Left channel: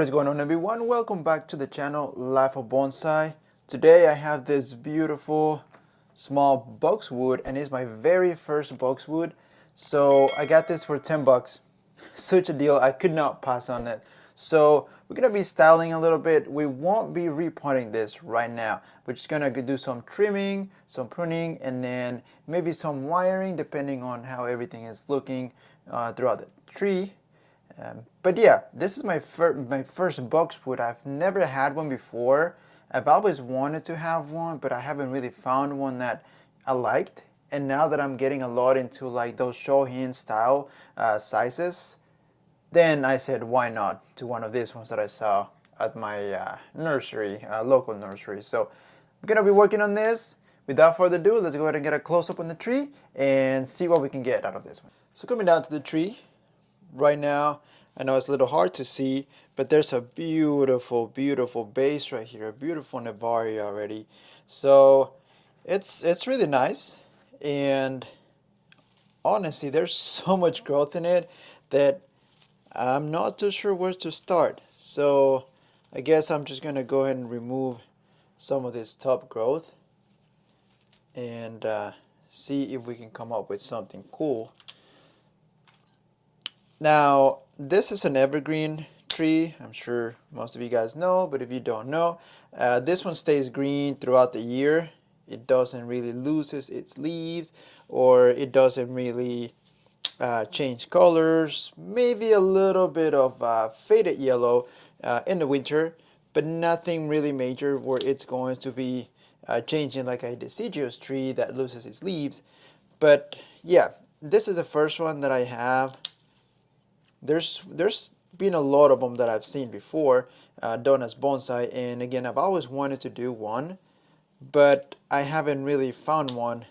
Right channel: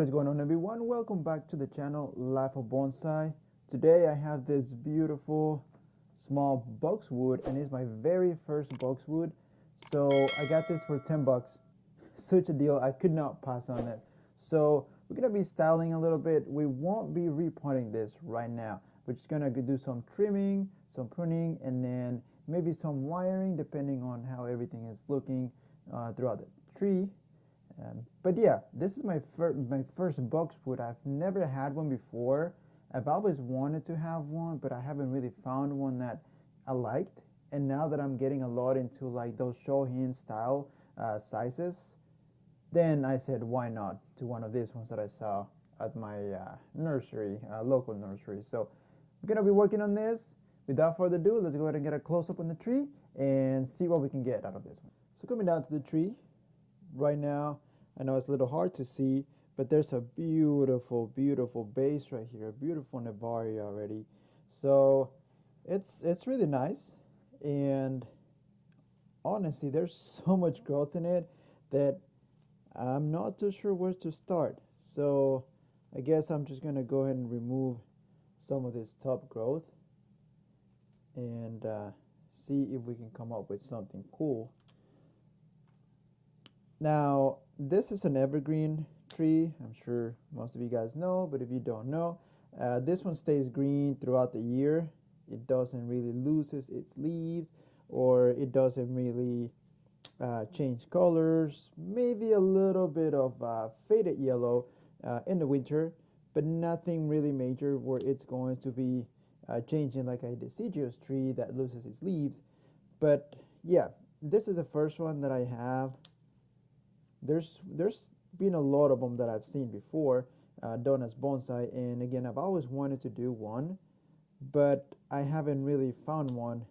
What is going on, everyone? Welcome back to the channel Life of Bonsai. Today I have this beautiful small boxwood, and it's my very first boxwood. So I got this for 10 bucks. Such a deal, I could not pass on it. So we're gonna be styling a little bit. We won't be repotting this right now. We're just gonna do some trimming, some pruning, and then maybe some wiring depending on how everything is looking throughout the tree. But yeah, this is my first boxwood. I've never had one before. I've always wanted to have one, but I haven't really found one that I liked. And now that I'm getting a lot into like those shohin style sizes, then I said, why not to one of these ones that I saw at my nursery, local nursery. So I'm gonna be working on this. Without further ado, let's go ahead and get a close-up on the tree and see what we can get out of this one. So coming down to the tree right now, I know it's a little hard to see, but there's a beautiful, beautiful base right here, a beautiful Nevari already. So it's really nice, and honestly, there's so much growth in it that I'm not too sure where to start. So I guess I'm just gonna go ahead and remove some of this top growth and see if we can come up with something cool. Now, this is an evergreen tree. I'm sure most of you guys know, but if you don't know, this one stays green throughout the year. It doesn't really lose its leaves, or it doesn't really change colors. Maybe a little bit of faded yellow in the winter, but nothing really major where it's going to be changing like a deciduous tree that loses its leaves. But yeah, this is the first one that I have. There's been a lot of them that I've seen before done as bonsai, and again, I've always wanted to do one, but I haven't really found one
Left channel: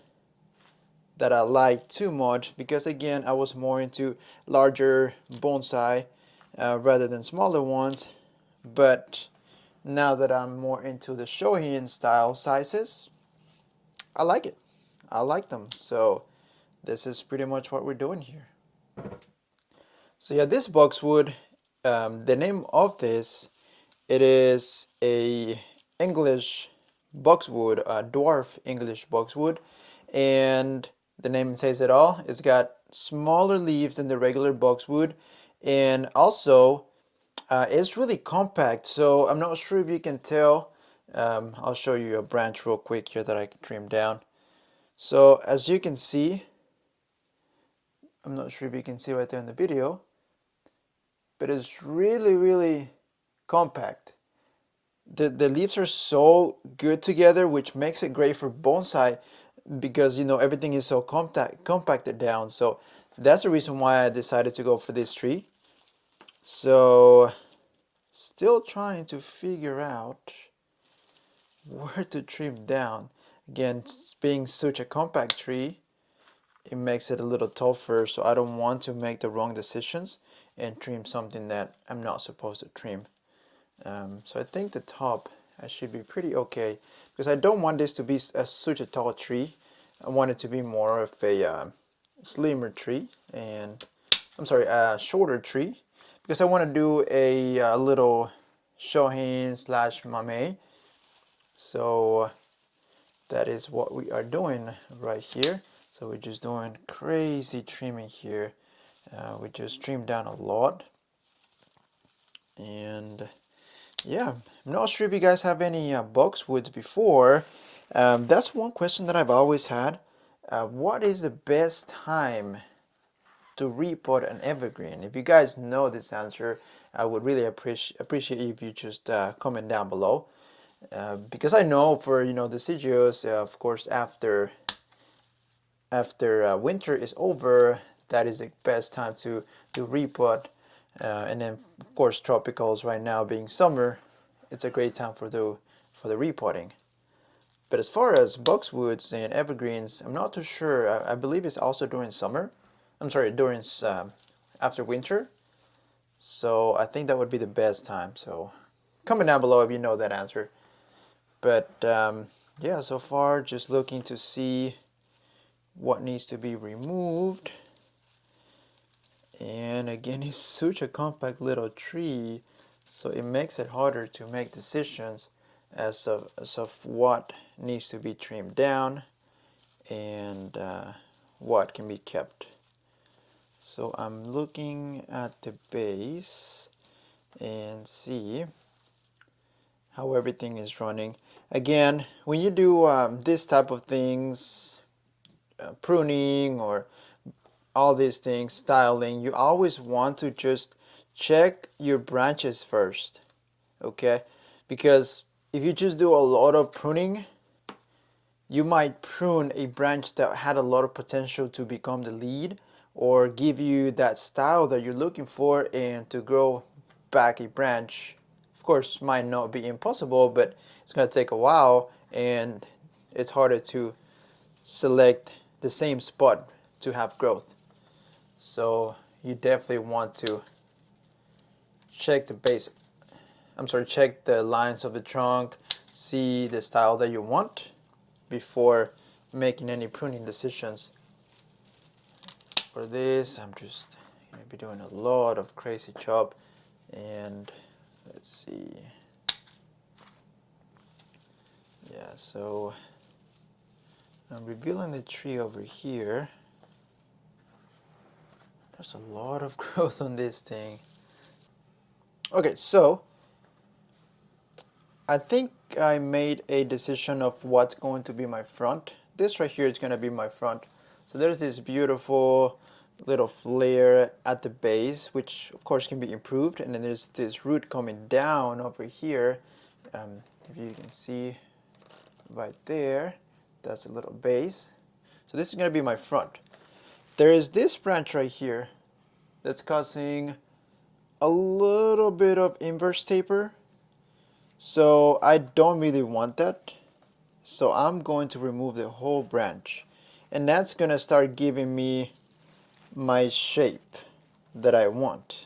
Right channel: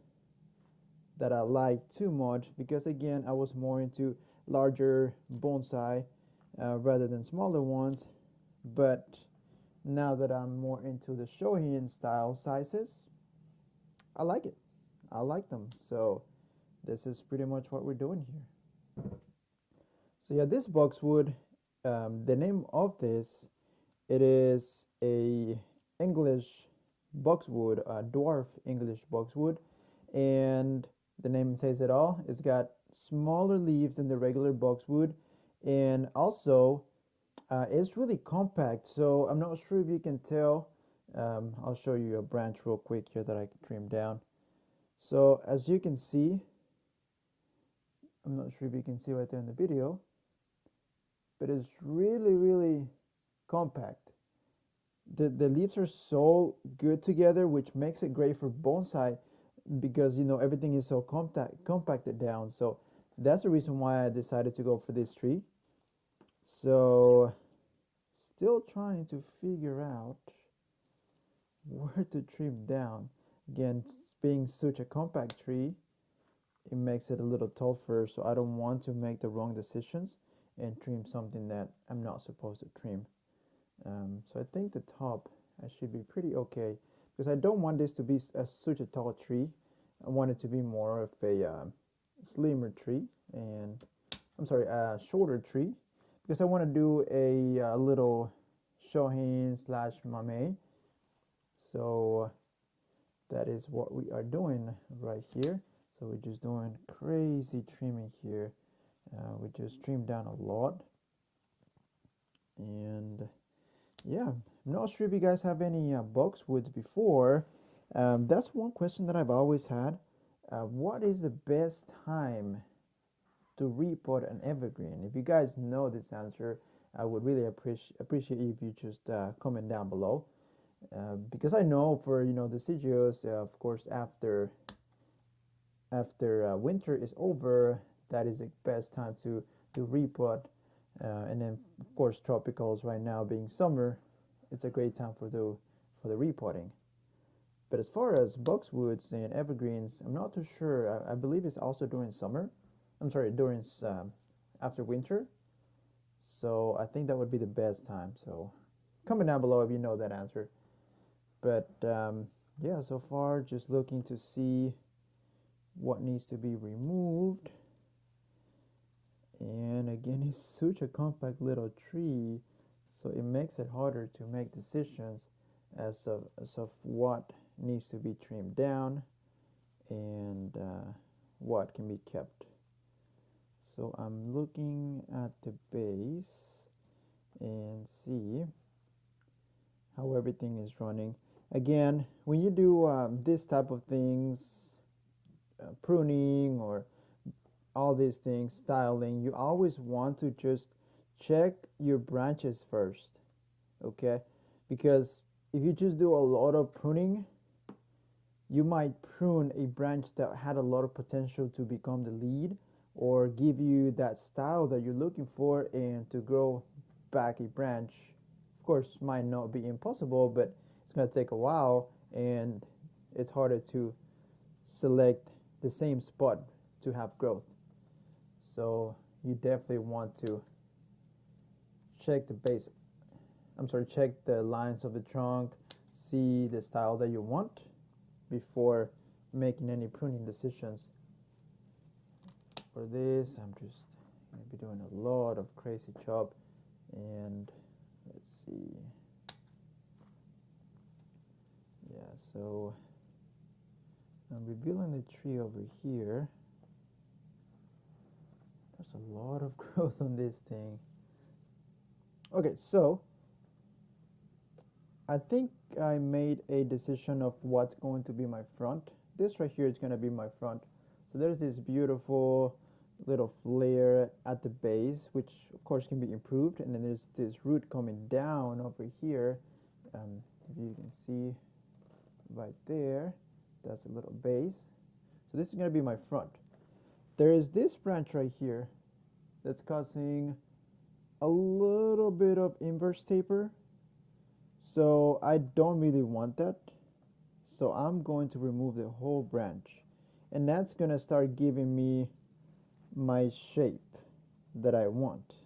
that I like too much, because again, I was more into larger bonsai rather than smaller ones. But now that I'm more into the shohin style sizes, I like it. I like them. So this is pretty much what we're doing here. So yeah, this boxwood, the name of this, it is a English boxwood, a dwarf English boxwood, and the name says it all. It's got smaller leaves than the regular boxwood, and also it's really compact. So I'm not sure if you can tell. I'll show you a branch real quick here that I can trim down. So as you can see, I'm not sure if you can see right there in the video, but it's really, really compact. The leaves are so good together, which makes it great for bonsai, because you know everything is so compacted down. So that's the reason why I decided to go for this tree. So still trying to figure out where to trim down. Again, being such a compact tree, it makes it a little tougher, so I don't want to make the wrong decisions and trim something that I'm not supposed to trim. So I think the top I should be pretty okay, because I don't want this to be such a tall tree. I want it to be more of a slimmer tree, and I'm sorry, a shorter tree, because I want to do a little shohin slash mame. So that is what we are doing right here. So we're just doing crazy trimming here. We just trimmed down a lot. And yeah, I'm not sure if you guys have any boxwoods before. That's one question that I've always had. What is the best time to repot an evergreen? If you guys know this answer, I would really appreciate if you just comment down below. Because I know for deciduous, of course, after winter is over, that is the best time to repot. And then of course tropicals right now being summer, it's a great time for the repotting. But as far as boxwoods and evergreens, I'm not too sure. I believe it's also during summer. I'm sorry, during after winter. So I think that would be the best time. So comment down below if you know that answer. But yeah, so far just looking to see what needs to be removed. And again, it's such a compact little tree So it makes it harder to make decisions as of what needs to be trimmed down and what can be kept. So I'm looking at the base and see how everything is running. Again, when you do this type of things, pruning or all these things, styling, you always want to just check your branches first, okay? Because if you just do a lot of pruning, you might prune a branch that had a lot of potential to become the lead or give you that style that you're looking for and to grow back a branch. Of course, might not be impossible, but it's going to take a while and it's harder to select the same spot to have growth. So you definitely want to check the base, check the lines of the trunk, see the style that you want before making any pruning decisions. For this, I'm just going to be doing a lot of crazy chop, and let's see. Yeah, so I'm revealing the tree over here. There's a lot of growth on this thing. Okay, so I think I made a decision of what's going to be my front. This right here is going to be my front. So there's this beautiful little flare at the base, which of course can be improved. And then there's this root coming down over here. If you can see right there, that's a little base. So this is going to be my front. There is this branch right here that's causing a little bit of inverse taper. So I don't really want that. So I'm going to remove the whole branch. And that's going to start giving me my shape that I want.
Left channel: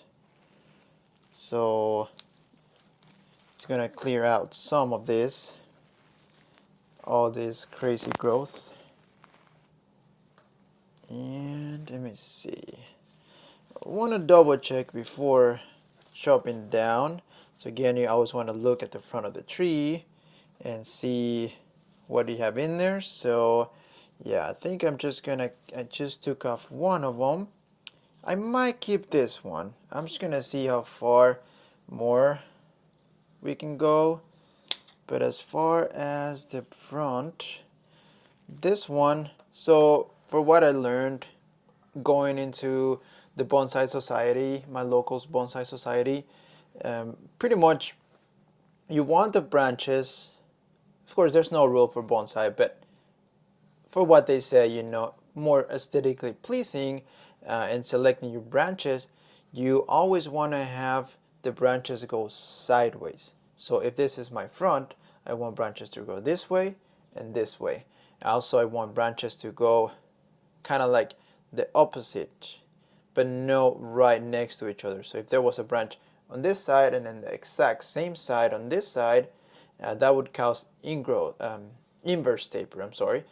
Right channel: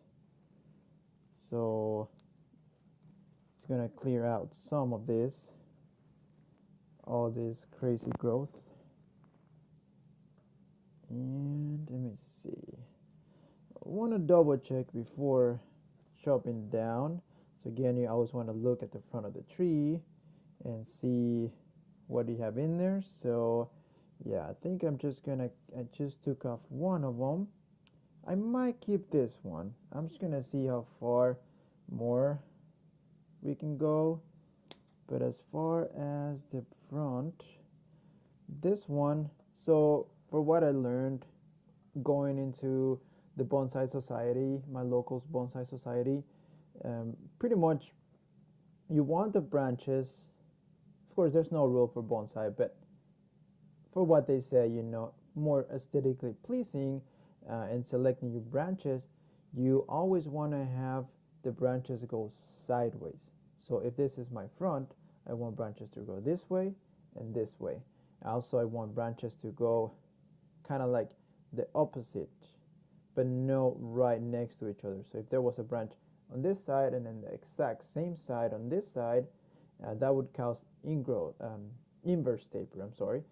So it's going to clear out some of this, all this crazy growth. And let me see. I want to double check before chopping down. So again, you always want to look at the front of the tree and see what you have in there. So yeah, I think I just took off one of them. I might keep this one. I'm just gonna see how far more we can go. But as far as the front, this one, so for what I learned going into the bonsai society, my local's bonsai society, pretty much you want the branches, of course there's no rule for bonsai, but for what they say, you know, more aesthetically pleasing and selecting your branches, you always want to have the branches go sideways. So if this is my front, I want branches to go this way and this way. Also, I want branches to go kind of like the opposite, but no right next to each other. So if there was a branch on this side and then the exact same side on this side, that would cause inverse taper,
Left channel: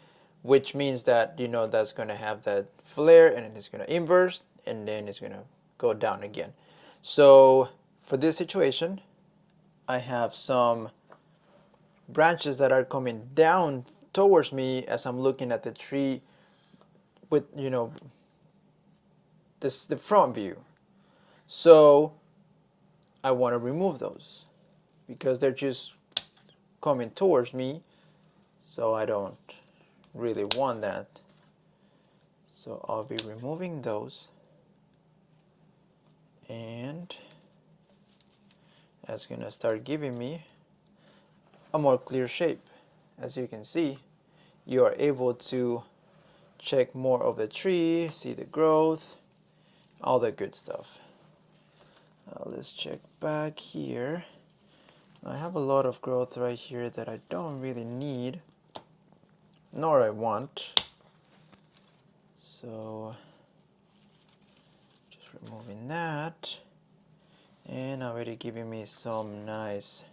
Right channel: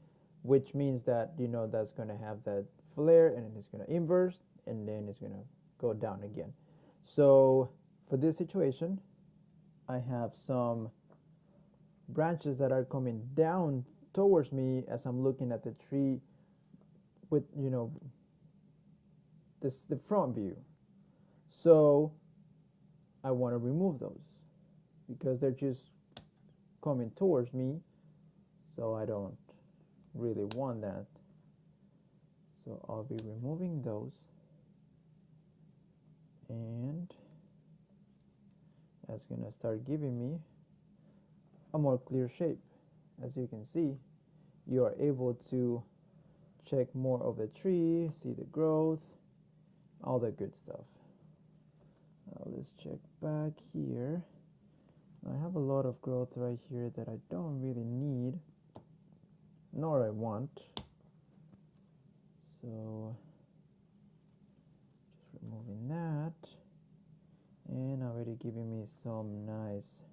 which means that, you know, that's going to have that flare and then it's going to inverse and then it's going to go down again. So for this situation, I have some branches that are coming down towards me as I'm looking at the tree with, you know, the front view. So I want to remove those because they're just coming towards me, so I don't really want that. So I'll be removing those, and that's gonna start giving me a more clear shape. As you can see, you are able to check more of the tree, see the growth, all the good stuff. Now let's check back here. I have a lot of growth right here that I don't really need, nor I want. So just removing that, and already giving me some nice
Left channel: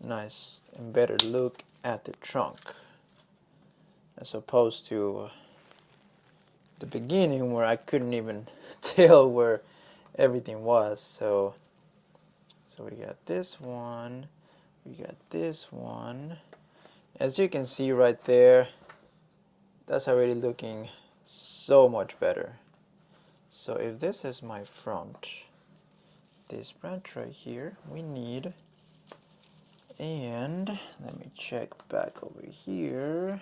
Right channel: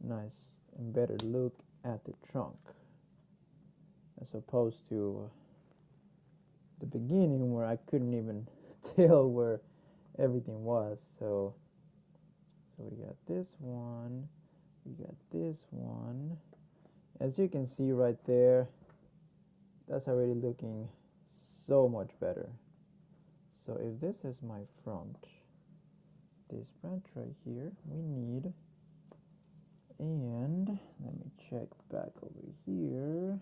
and better look at the trunk, as opposed to the beginning where I couldn't even tell where everything was. So So we got this one, we got this one. As you can see right there, that's already looking so much better. So if this is my front, this branch right here we need, and let me check back over here.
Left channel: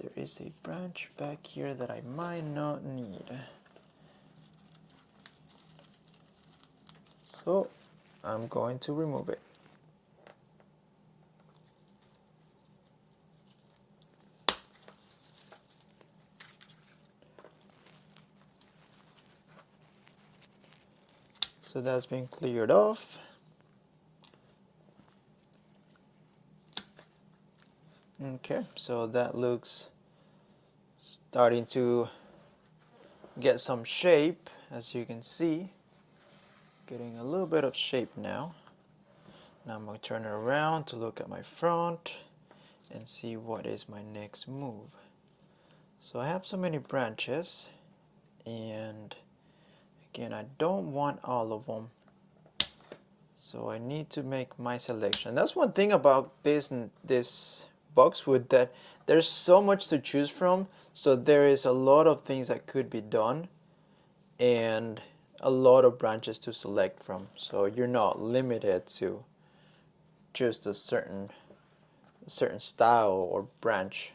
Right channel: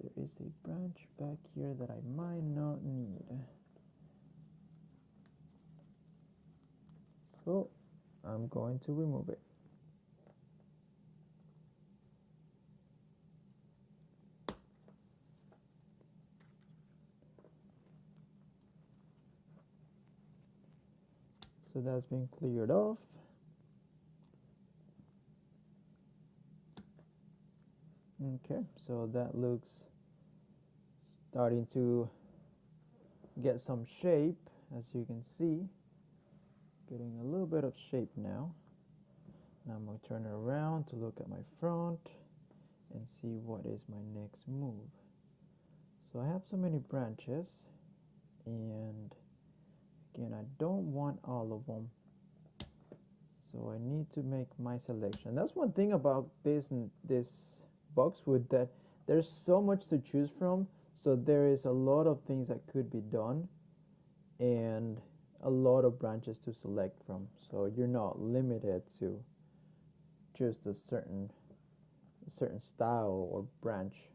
There is a branch back here that I might not need. So I'm going to remove it. So that's been cleared off. Okay, so that looks starting to get some shape, as you can see. Getting a little bit of shape now. Now I'm going to turn it around to look at my front and see what is my next move. So I have so many branches, and again, I don't want all of them. So I need to make my selection. That's one thing about this boxwood, that there's so much to choose from. So there is a lot of things that could be done and a lot of branches to select from. So you're not limited to just a certain style or branch.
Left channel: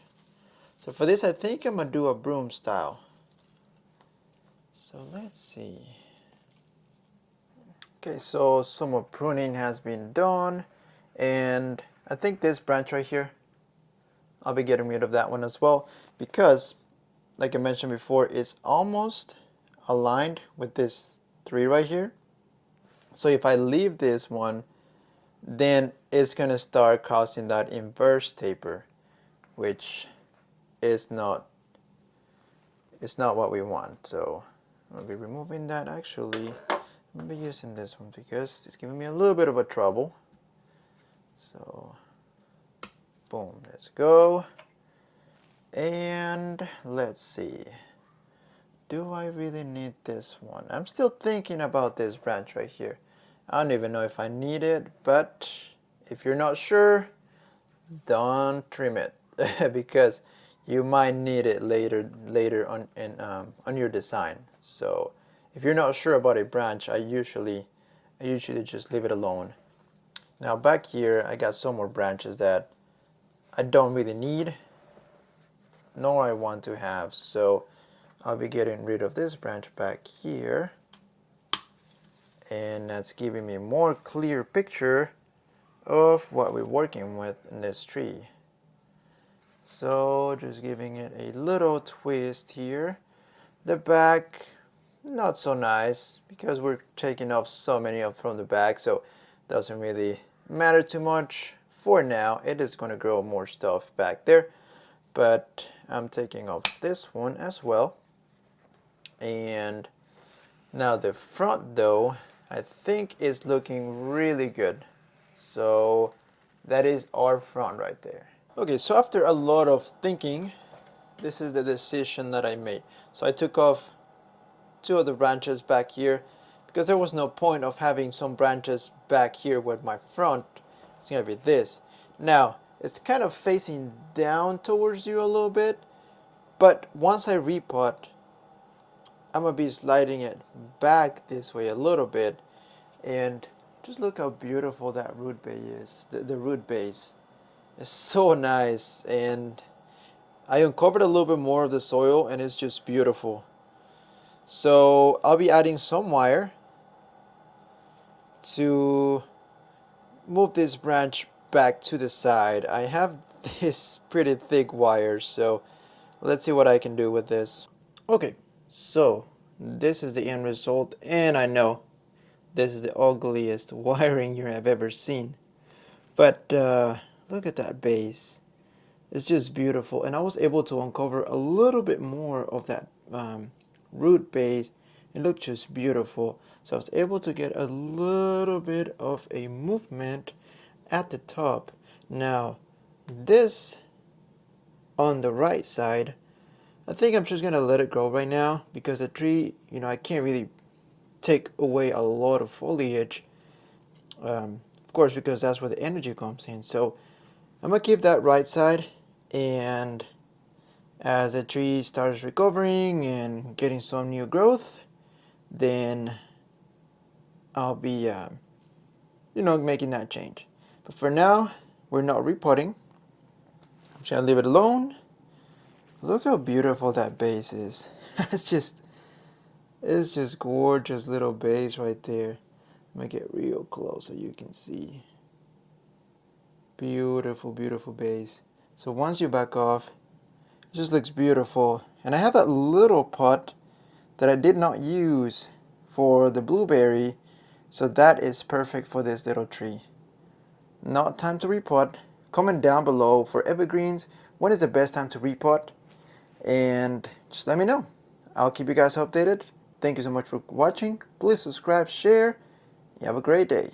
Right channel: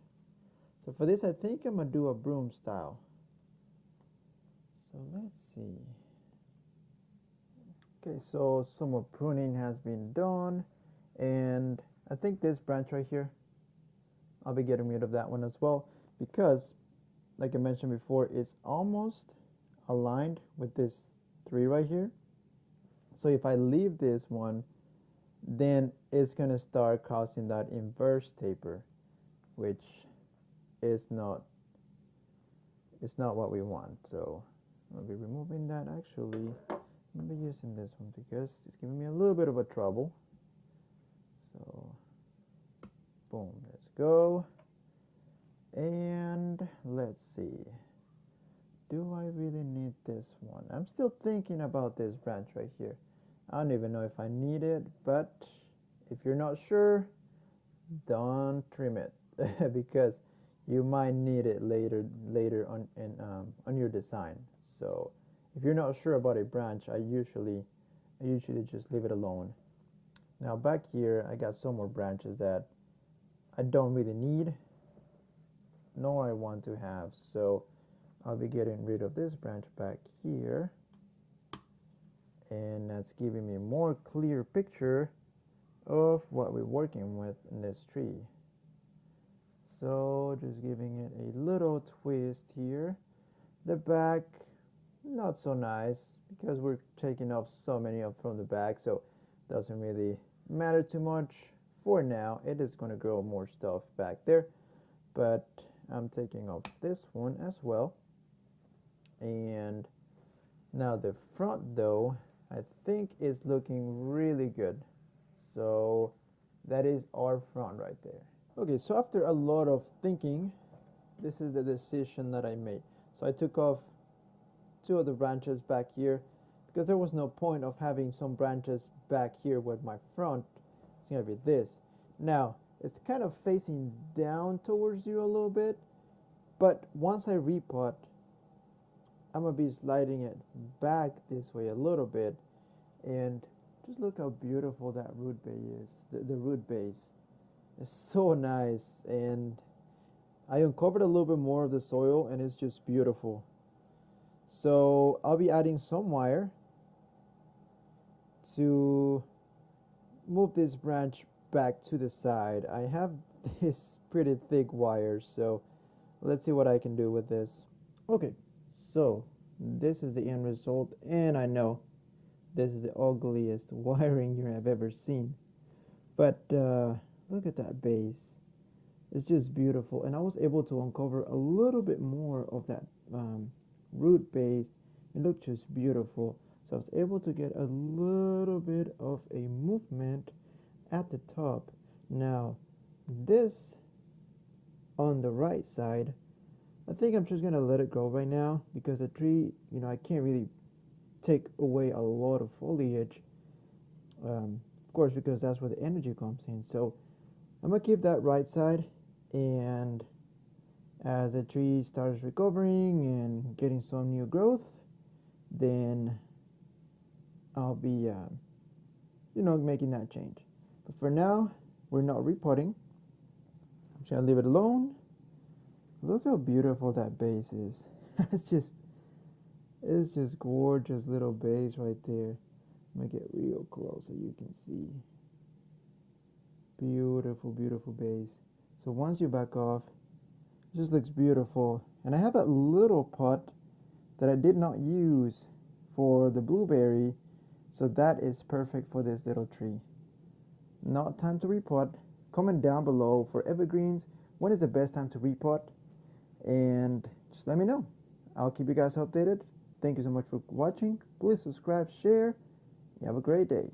So for this, I think I'm gonna do a broom style. So let's see. Okay, so some more pruning has been done, and I think this branch right here, I'll be getting rid of that one as well, because like I mentioned before, it's almost aligned with this 3 right here. So if I leave this one, then it's gonna start causing that inverse taper, which is not what we want. So I'll be removing that. Actually, I'll be using this one because it's giving me a little bit of a trouble. So boom, let's go. And let's see, do I really need this one? I'm still thinking about this branch right here. I don't even know if I need it, but if you're not sure, don't trim it because you might need it later on your design. So if you're not sure about a branch, I usually just leave it alone. Now back here, I got some more branches that I don't really need, nor I want to have. So I'll be getting rid of this branch back here, and that's giving me a more clear picture of what we're working with in this tree. So just giving it a little twist here. The back, not so nice because we're taking off so many up from the back, so it doesn't really matter too much. For now, it is going to grow more stuff back there, but I'm taking off this one as well. And now the front though, I think is looking really good. So that is our front right there. Okay, so after a lot of thinking, this is the decision that I made. So I took off 2 of the branches back here because there was no point of having some branches back here with my front. It's gonna be this. Now it's kind of facing down towards you a little bit, but once I repot, I'm gonna be sliding it back this way a little bit, and just look how beautiful that root base is. The root base is so nice, and I uncovered a little bit more of the soil, and it's just beautiful. So I'll be adding some wire to move this branch back to the side. I have this pretty thick wire, so let's see what I can do with this. Okay, so this is the end result, and I know this is the ugliest wiring you have ever seen, but look at that base. It's just beautiful, and I was able to uncover a little bit more of that root base. It looked just beautiful. So I was able to get a little bit of a movement at the top. Now this on the right side, I think I'm just gonna let it grow right now because the tree, I can't really take away a lot of foliage, Of course, because that's where the energy comes in. So I'm gonna keep that right side, and as the tree starts recovering and getting some new growth, then I'll be, making that change. But for now, we're not repotting. I'm just gonna leave it alone. Look how beautiful that base is. It's just gorgeous little base right there. I'm gonna get real close so you can see. Beautiful, beautiful base. So once you back off, it just looks beautiful. And I have that little pot that I did not use for the blueberry, so that is perfect for this little tree. Not time to repot. Comment down below for evergreens, when is the best time to repot? And just let me know. I'll keep you guys updated. Thank you so much for watching. Please subscribe, share. You have a great day.